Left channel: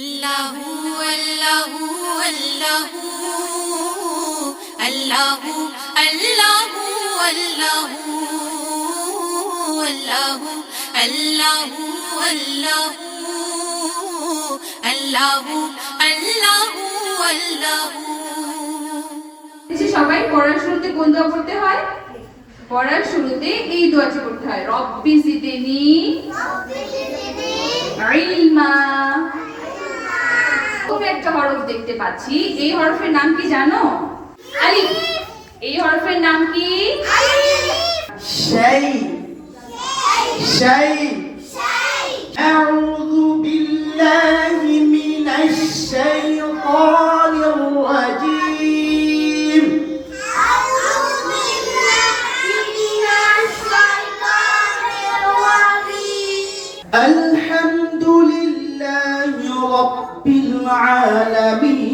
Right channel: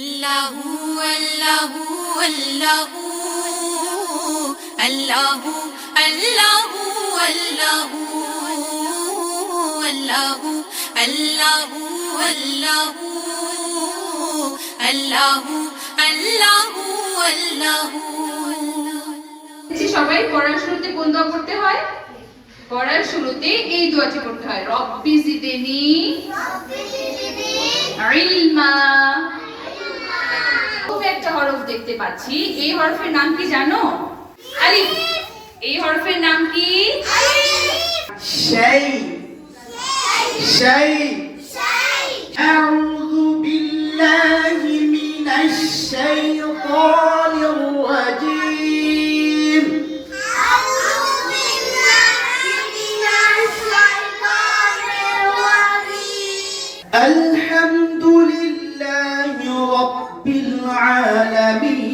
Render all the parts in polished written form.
আল্লাহু আল্লাহু আল্লাহু আল্লাহু আল্লাহু আল্লাহু আল্লাহু আল্লাহু আল্লাহু আল্লাহু আল্লাহু আল্লাহু। সবাই পড়ার শুরুতে কোন দোয়া পড়তে হয়? পড়ার শুরুতে এই দোয়াটি পড়তে হয়, রব্বি জিদনি ইলমা। খুব একটা হরফ দেখতে পাচ্ছি, এই হরফের নাম কি জানো? আলিফ। এই হরফের নাম কি? শাই। শাই। আউযু বিল্লাহি মিনাশ শাইতানির রাজীম। আলহামদুলিল্লাহি রাব্বিল আলামিন।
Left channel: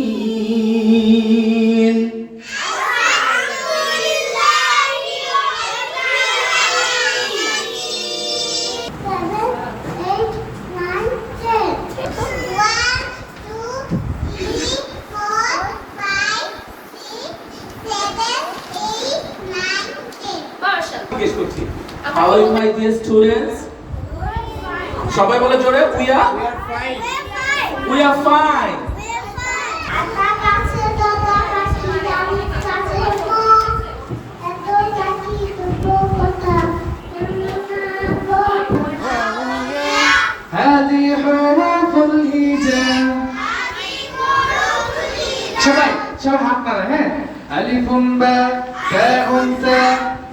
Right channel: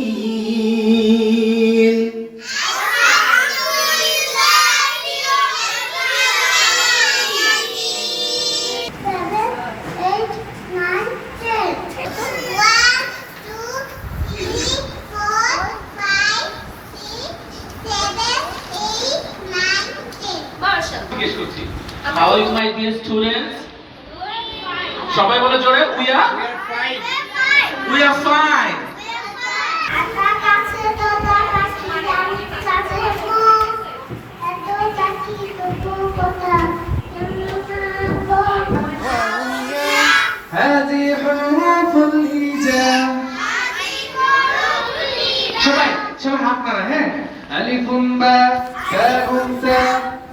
How are you, my dear students? সবাই বলে জোরে, we are fine. هذه حروف الهجاء. সবাই হাত নাড়ে, হ্যাঁ। আলিফুম বা তাউম তা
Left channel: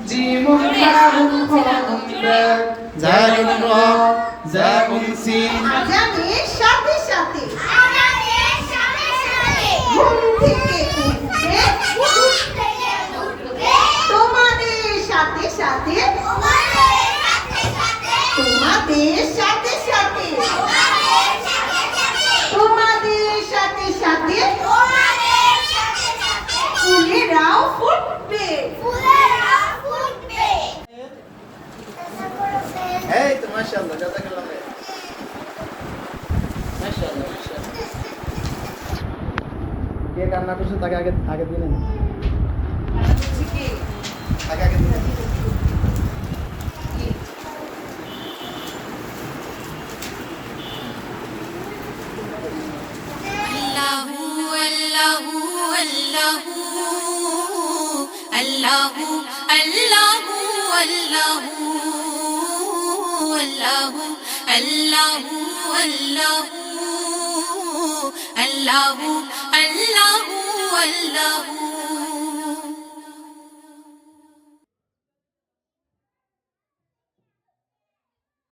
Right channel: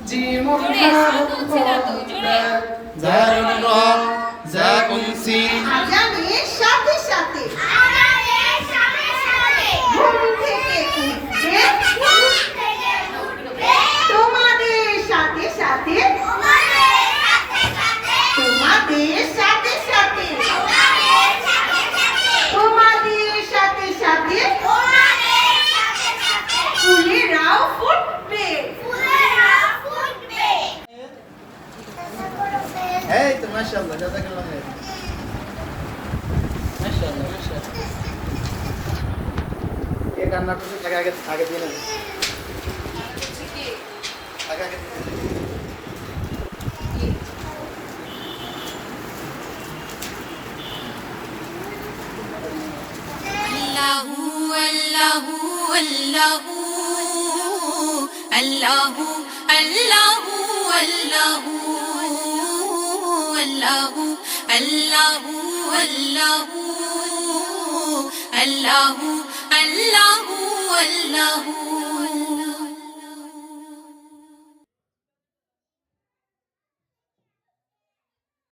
জিমুম হারুম খাউম বা জালুম রা জাকুম সিন। আজানের সাথে সাথে ঘুম থেকে উঠবে, তোমাদের সাথে সাথে তোমাদের সাথে সাথে তোমাদের সাথে সাথে ফুলেরাও ফুটবে। এই তো মাশাআল্লাহ, জাযাকাল্লাহ খাইর। মাশাআল্লাহ মাশাআল্লাহ। কে কান্না করছে তাকে আগে দিয়ে নেন। আগে দিয়ে নেন। আল্লাহু আল্লাহু আল্লাহু আল্লাহু আল্লাহু আল্লাহু আল্লাহু আল্লাহু আল্লাহু আল্লাহু আল্লাহু আল্লাহু।